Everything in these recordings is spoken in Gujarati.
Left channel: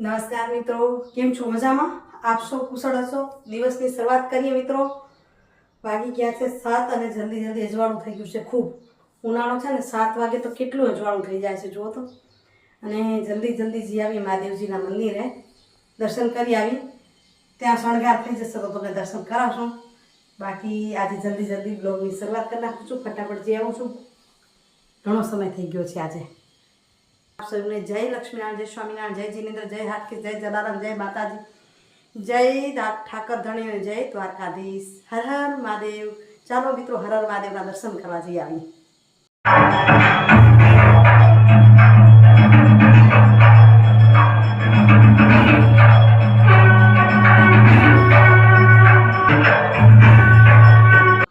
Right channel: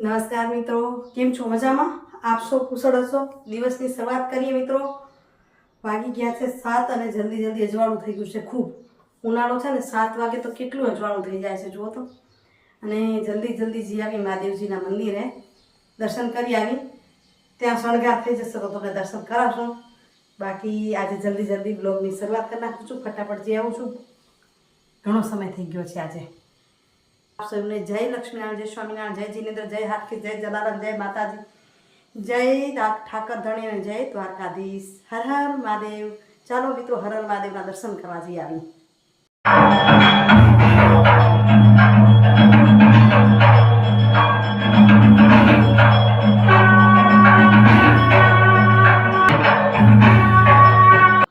નમસ્કાર મિત્રો, કેમ છો? મજામાં? આપશો કુશળ હશો? દિવસની શરૂઆત કરીએ મિત્રો. વાગી ગયા છે સાત અને જલ્દી જલ્દી અજવાળું થઈ ગયું છે ખૂબ. ઉનાળો છે ને, સાત વાગે તો કેટલું અજવાળું થઈ જાય છે, જુઓ તો. અને જલ્દી જલ્દી જઈ આવી મહાદેવજીના મંદિરે. દર્શન કરી આવી. ત્યાં શણગાર થઈ જશે તો તમને દર્શન કરાવશું. બાકી આજે જલ્દી જલ્દી બ્લોગની શરૂઆત કરી નાખું છું. ફટાફટ જઈ આવું છું. ઘણો સમય થઈ ગયો છે આજે. આપ સૌને જય લક્ષ્મીનારાયણ જય સ્વામિનારાયણ જય જીનેન્દ્ર જય હાટકી જય જલારામ જય માતાજી જય ઠાકર ધણી અને જય દ્વારકાધીશ હર હર મહાદેવ ચાલો મિત્રો હર હર મહાદેવના દર્શન કરવા જઈ આવી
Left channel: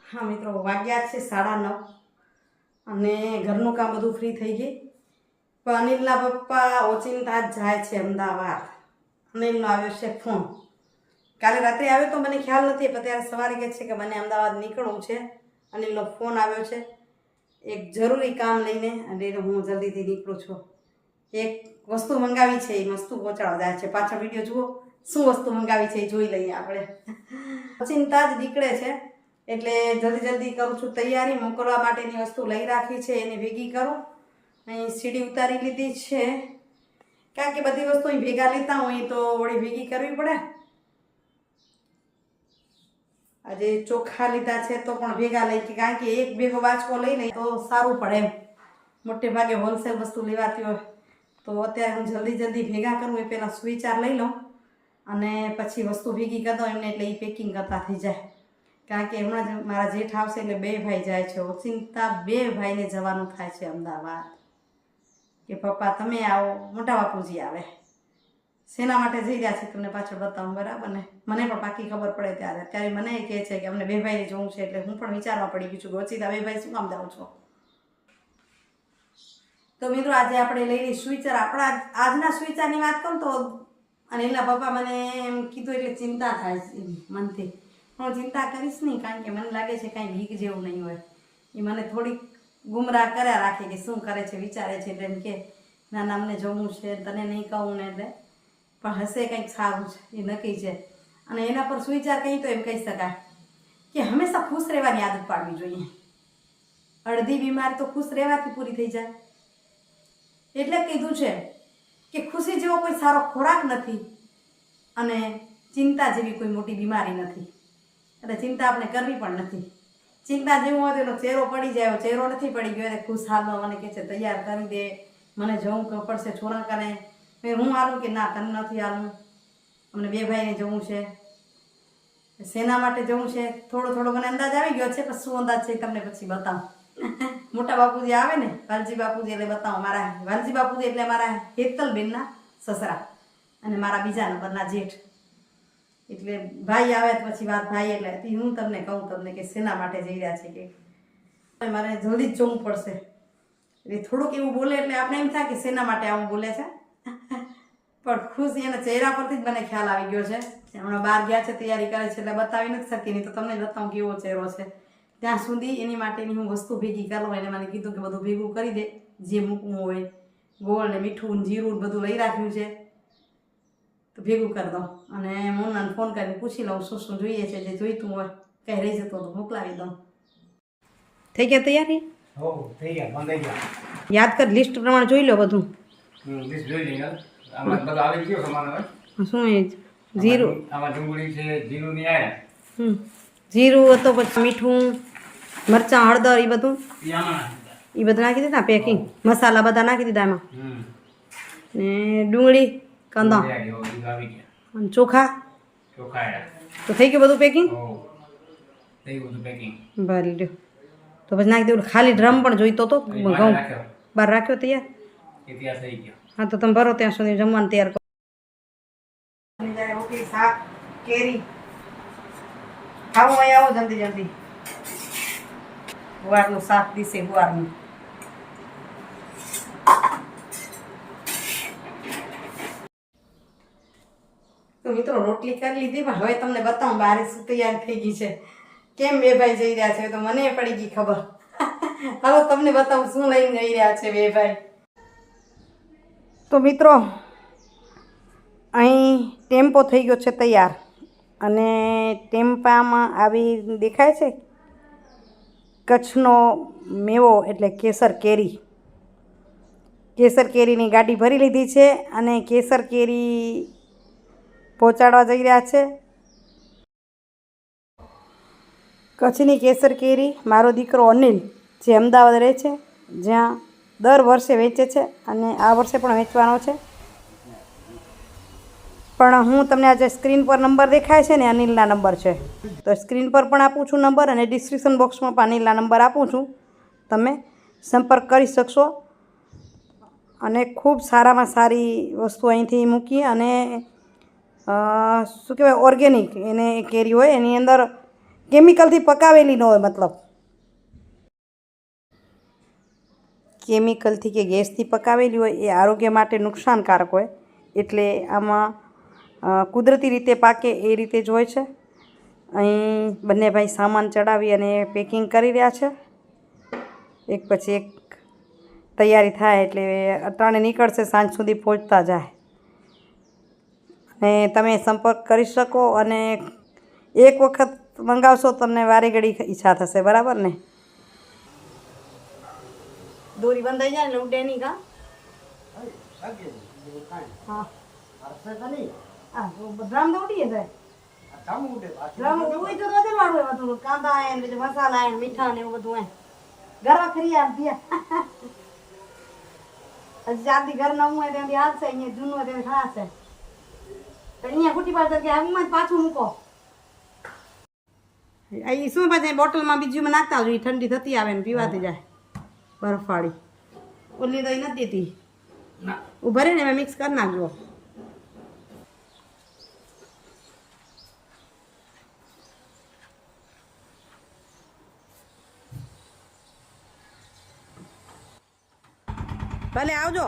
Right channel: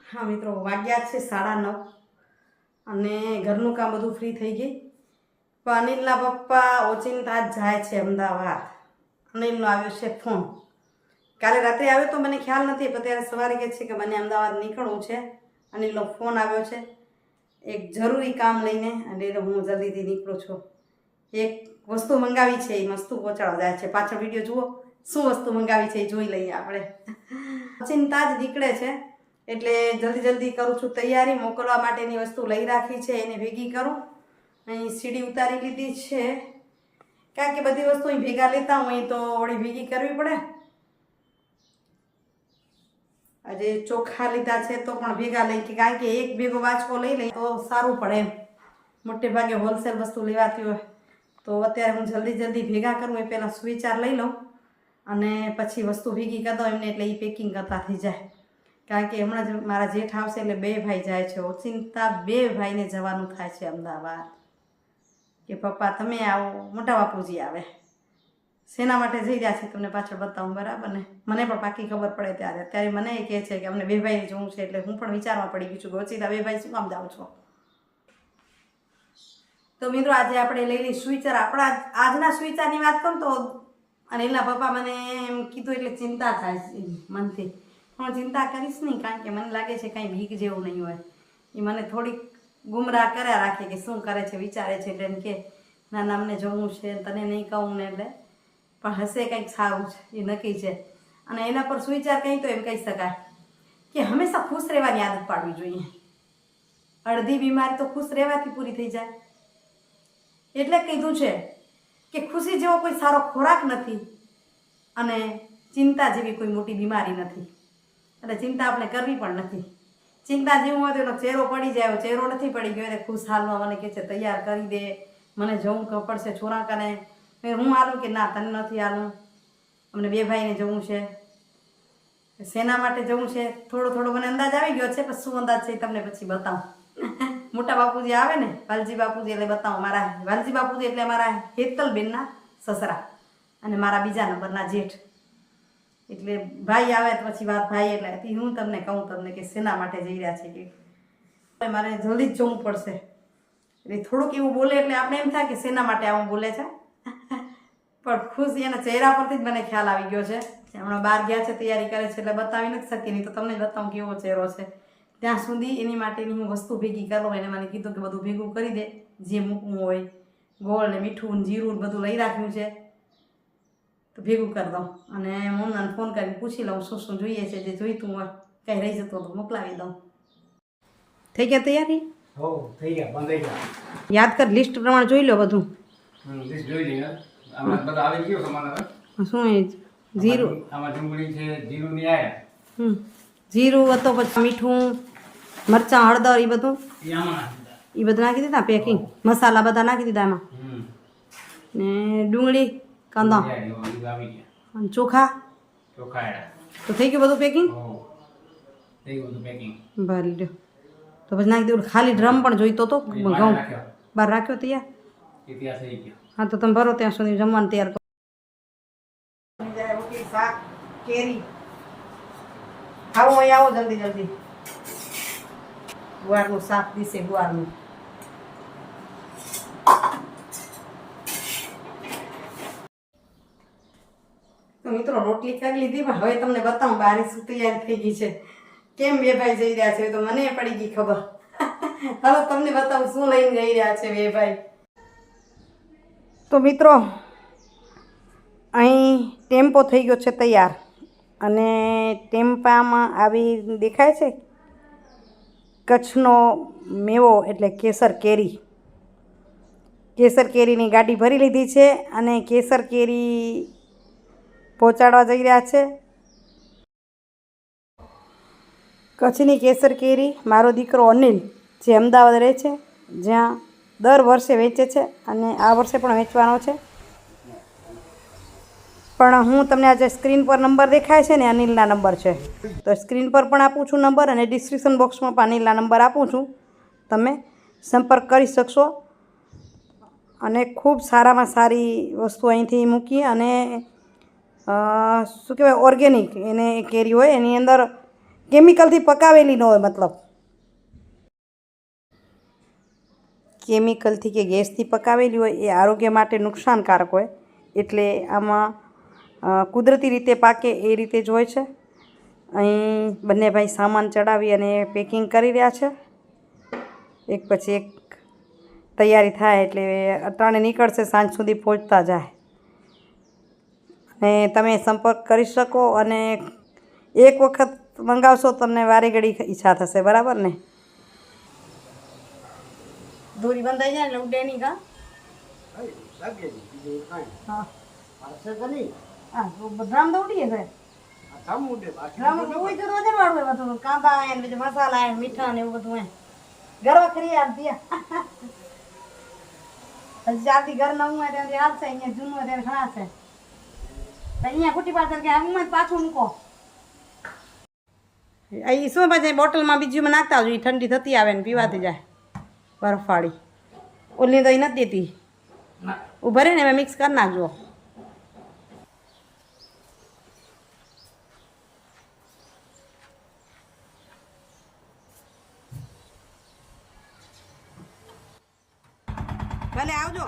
હા મિત્રો, વાગ્યા છે સાડા નવ અને ઘરનું કામ બધું ફ્રી થઈ ગઈ પણ અનિલના પપ્પા ઓચિંતા જાય છે અમદાવાદ. અનિલનો આવ્યો છે ફોન. કાલે રાત્રે આવ્યો તો મને ખ્યાલ નથી, પણ ત્યારે સવારે કહે છે કે મને અમદાવાદ નીકળવું છે. અનિલનો ફોન આવ્યો છે. એક જરૂરી કામ લઈને અને હું જલ્દીથી નીકળું છું. એક વસ્તુ મંગાવી છે એ વસ્તુ પહોંચાડવા જાય છે? પાછળ વીડિયો જુઓ. શું વસ્તુ મંગાવી છે એ જોઈ લઈએ આપણે. ચિંતા જ નીકળે છે, એટલે જલ્દી જલ્દી કરું છું તૈયારી, મોકલવા માટેની વસ્તુ લઈ રાખી છે, એને ભેગી કરું. અહીં સીડી ઉતારી લીધી છે. કારણ કે બધી વસ્તુ અહીં ભેગા લેતા હોય તો વળી ભેગી કરવી પડે. આજે ચોખા લીધા છે તો પણ ભેગા લઈ કારણ કે એક ભેગો વાંચકો લઈ લઈ તો સારું પડે એમ. મોટે ભાગે હોલસેલ વસ્તુ લેવાતી હોય તો અત્યારે હું જલ્દી જલ્દી ભેગા કરું એ પહેલાં સુવિચાર લઈ લઉં અને પછી વસ્તુ ભેગી કરી એમને એટલે એ પેકિંગ કરતા થઈ જાય. કારણ કે હમણાં જ મારા જેઠ આવશે એટલે બે ભાઈ જાય છે. ઓચિંતા બે ભાઈને જવાનું થાય છે અમદાવાદ. કે પપ્પા, તમે આવો, મોટા બાપુજી આવે. શેના માટે જઈ રહ્યા છીએ તમને પાછળ બતાવું, બરાબર ને? મને પણ પાકી ખબર પડે ત્યારે. અત્યારે મને એ કહે છે કે અમને બે ભાઈને જોવું છે એટલે હું પણ વિચારમાં પડી ગયું છું ગોચિતા બે ભાઈ શું કામ જાઉં છો? તો મિત્રો, આજે આપણે લઈ લઈ સુવિચાર. આપણા આજના સુવિચારની વાત કરું તો અનિલના પપ્પા મને એમ કીધું એટલે ચિંતા થાય છે મનથી. હું ચિંતા કરીશ નહીં, કારણ કે મને લાગે છે કાંઈ ભીખ જેવું નહીં હોય. એ મને થોડીક ગુમરાહ કર્યા રાખે કે શું કરે છે, વિચારે છે, એટલે એમ કે, ના ના, અમને જોવું છે તને નહીં કહું ને એટલે. પણ હશે કંઈક સારું છે, એ નક્કી છે. અને એના પર સુવિચાર કંઈ તો એમ કહી શકાય કે હંમેશા ખુશ રહેવાની આદત પાડવી જોઈએ. અડધી બીમારી તો ખુશ રહેવાથી પૂરી થઈ જાય. એટલે કીધું છે કે ખુશી જેવો કોઈ સારો ખોરાક નથી અને ચિંતા જેવી કોઈ મોટી બીમારી નથી. એટલે ચિંતા આપણે કરવી પણ નથી. ચિંતા જેવું હોય તો એનો ચહેરો પડી જાય. ચહેરો નથી પડી ગયો એટલે ખુશ હાલમાં મને કહે છે તૈયાર કરી દે. મને જવું પડશે છોરા કને મેં હું હાલું કે ના તને નથી હાલું અમને બે ભાઈને જવું છે. શેના માટે જવું છે. થોડો થોડો મને અંદાજ આવી ગયો છે પણ શું અંદાજ છે તમને પછી બતાવું. મોટા બાપુજી આવે ને વાલજી બાપુજી એટલે બતાવો મારા વાલજી બાપુજી એટલે મારા હેતલબેનના સસરા અને મારા બીજા નંબરના જેઠ. એટલે ભાઈ આવે તો પછી વાત ભાઈ એટલે હું તમને કહું તમને કે શેના માટે જઈ રહ્યા છે કે? મારે જલ્દી જ જવું પડશે. એટલે થોડુંક એવું બોલે એટલે આપણે એમ થાય કે શેના માટે આવું બોલે છે. પણ ખુશ એના ચહેરા પરથી જ મને ખ્યાલ આવી ગયો છે. હમણાં બહાર ગયા છે, તૈયારી કરે છે એટલે બતાવી નથી શકતી, નહીં તો તમને બતાવું કેવો ચહેરો છે. ત્યાં સુધી એની માટેની હું વસ્તુ ભેગી કરું એને મને કીધું કે બધું ભેગું કરી દે, જે મૂકવું હોય. ગોળ ને મીઠું જીરું બધું લઈ રાખ્યું છે. તો ભેગું કરી દઉં. અને મોનાને ફોન કરીને પૂછી લઉં શું શું જોઈએ છે જે જોઈતું હોય કંઈ રહી જતો તો મોકલાવી દઉં. થઈ ગયા તૈયારી? હો થઈ ગયા બંધાઈ ગયા. યાદ કર લિસ્ટ પ્રમાણે જોઈ લો બધું. લિસ્ટ જોઈ લઈએ. આમાં બધું આવી ગયું તમારે શું એ? જીરું. આમાં ડુંગળી છે જીરું હમ જીરું હતો પછી મીઠું મરચાં હળદર એ બધું. એ બધું નાખી દીધા પેકિંગ? મસાલા બધા નાખી દીધા એમાં? ને ડુંગળી? કાંદા. અને ચોખા? તો થઈ ગયું બધું પેકિંગ ભલે થઈ ગયું બધું પેકિંગ ભરી લ્યો. તો પછી નાખી દેવું ખાલી ડ્રમ પણ જોઈતો તો ઘઉં. બહાર રાખ્યો તૈયાર? હા તો તમે ભરો ત્યાં સુધી જમવાનું તૈયાર કરો. શાક કેરી ખાવું અહીંયા આવો જલ્દી જલ્દી. ગુવારનું શાક દીશે ગુવારનું. તો મિત્રો રોટલી કરી લીધી હવે તમને બતાવું બારી શું તૈયારી થઈ ગઈ છે. કેમ બે ભાઈ જઈ રહ્યા છે તો મને પડી ગઈ ખબર. હાલો, તમને બતાવું શું લઈને જઈ રહ્યા છે બે ભાઈ. તો મિત્રો, અહીં ટેમ્પો થઈ ગયો છે તૈયાર. અને ટેમ્પામાં આવી દેખાય છે? કચ્છનો મેવો એટલે કેસર કેરી. કેસર કેરીની ગાડી ભરી લીધી છે અને કેસર કેરી પહોંચાડવા જઈ રહ્યા છે. કચ્છની કેસર કેરી, મારો દીકરો અનિલ, જે અમદાવાદ રહે છે, જ્યાં દર વર્ષે વેચે છે અને આ વર્ષે પણ વેચવાનો છે. પણ હું તમને આજે સ્ક્રીન પર નંબર દેખાય છે ને અનિલના નંબર છે. તો સ્ક્રીન પર પણ આપું છું નંબર અને ડિસ્ક્રિપ્શન બોક્સમાં પણ અનિલના નંબર આપું છું. તમે સંપર્ક કરી શકશો. અને ખૂબ સારામાં સારી વસ્તુ અહીંથી મૂકી અને શું કહેવાય ઓર્ગેનિક એને કેરી હોય, એની અંદર કેમિકલથી પકાવેલી ન હોય, મતલબ. કેમિકલથી કે ગેસથી પકાવેલી હોય, એ આરોગ્ય માટે નુકસાનકારક હોય. એટલે આમાં કુદરતી રીતે પાકે એ રીતે જ હોય છે. અહીં બંને ભાઈ સામાન ચડાવી અને પેકિંગ કરી રહ્યા છે. એક પછી એક તૈયારી થાય એટલે અટાણે નીકળશે, સાંજ સુધી પહોંચતા જાય. અને તમે સંપર્ક કરી શકો અને એક વખત મંગાવશો તમને વારે ઘડી ઈચ્છા થશે, બરાબર ને? દોરી બંધાઈ જાય એટલે ઉડે નહીં કા હા ડ્રામ તો ઉડીએ છે. ડ્રામ ઉડી હોય બધું કાંદા ને બીજું મસાલા હે મીઠા ને એવું બધું હે ગરવા ખરી યાર દિયા હજી જ્યાંથી ઘર નવું હોય ત્યાંથી હાલશે, અહીંયા જૂનું હોય ત્યારે ખણાશે તો અહીંયા ખૂટી પાડશે કે આમાં પાછું મૂકો. અહીં શું પછી બોટલમાં બીજું નાખતા હોય ઈ ઠંડી થતી આવે ને પીવાતી જાય. બરફવાળી ઓલી તો એ નથી દેતી. ઉભરે ને એમાં મિક્સ કરી નાખજો. ભલે આવજો.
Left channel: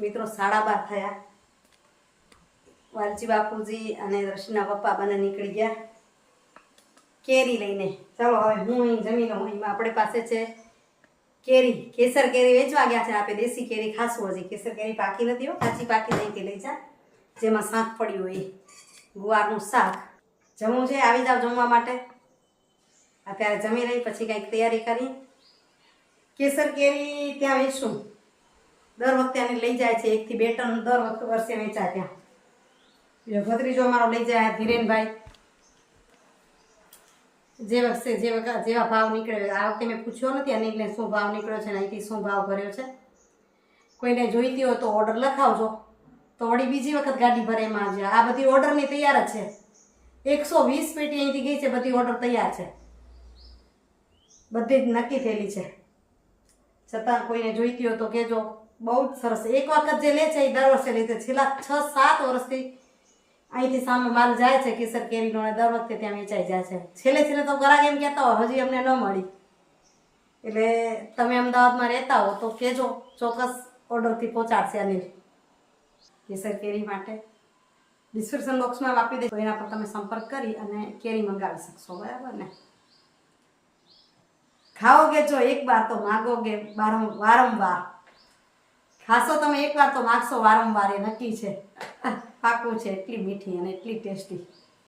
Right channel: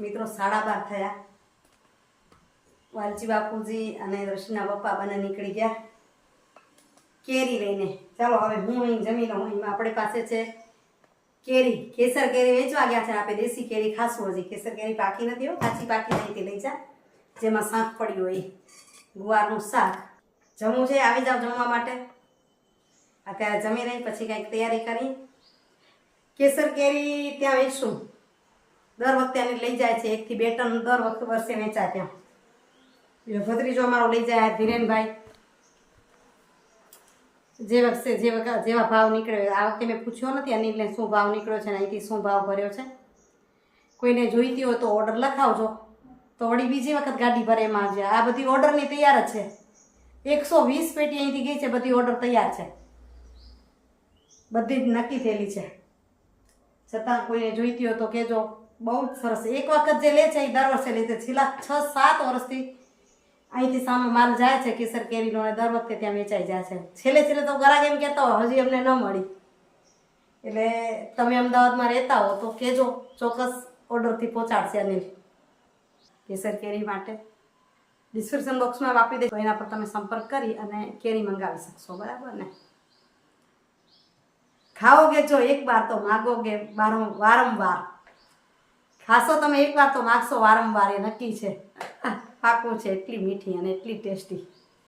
મિત્રો સાડા બાર થયા. વાલજી બાપુજી અને દર્શના પપ્પા બંને નીકળી ગયા. કેરી લઈને. ચાલો હવે હું અહીં જમી લઉં. અહીં આપણી પાસે છે કેરી. કેસર કેરી વેચવા ગયા છે આપણે દેશી કેરી ખાસું હજી. કેસર કેરી પાકી નથી હો. કાચી પાકી અહીંથી લઈ જા. જેમાં શાક પડ્યું હોય ગુવારનું શાક. જમવું છે? આવી જાવ જમવા માટે. અત્યારે જમી રહી, પછી કંઈક તૈયારી કરી. કેસર કેરી ત્યાં વેચશું. દર વખતે આને લઈ જાય છે. એકથી બે ટન દર વખતે વર્ષે વેચાય ત્યાં. એટલે ભત્રીજો અમારો લઈ જાય ધીરેનભાઈ. જે વખતે, જે વખત, જેવા ભાવ નીકળ્યો આ વખતે મેં પૂછ્યો નથી અનિલને શું ભાવ નીકળ્યો છે અને અહીંથી શું ભાવ ભર્યો છે. કોઈને જોઈતી હોય તો ઓર્ડર લખાવજો. તો વળી બીજી વખત ગાડી ભરે એમાં આવજે આ બધી ઓર્ડરની તૈયાર જ છે. એકસો વીસ પેટી અહીંથી ગઈ છે, બધી ઓર્ડર તૈયાર છે. બધી જ નક્કી થયેલી છે. છતાં કોઈને જોઈતી હોય તો કહેજો. બહુ જ સરસ. એક વખત જે લે છે એ દર વર્ષે લે છે. છેલ્લા છ, સાત વર્ષથી અહીંથી સામે માલ જાય છે કેસર કેરીનો અને દર વખતે ત્યાં વેચાઈ જાય છે. છેલ્લે છેલ્લે તો ગ્રાહક એમ કહેતા હોય, હજી અમને ન મળી. એટલે તમે અમદાવાદમાં રહેતા હો તો કહેજો, ચોક્કસ ઓર્ડરથી પહોંચાડશે અનિલ. કેસર, કેરી માટે ડિસ્ક્રિપ્શન બોક્સમાં આપી દે એના પર તમે સંપર્ક કરી અને કેરી મંગાવી શકશો. બરાબર ને? ખાઓગે જો એક બાર તો માગોગે, બારમ, વારંવાર. ખાશો તમે એકવાર તો માગશો વારંવાર, એ નક્કી છે. પાકું છે, એટલી મીઠી અને એટલી ટેસ્ટી.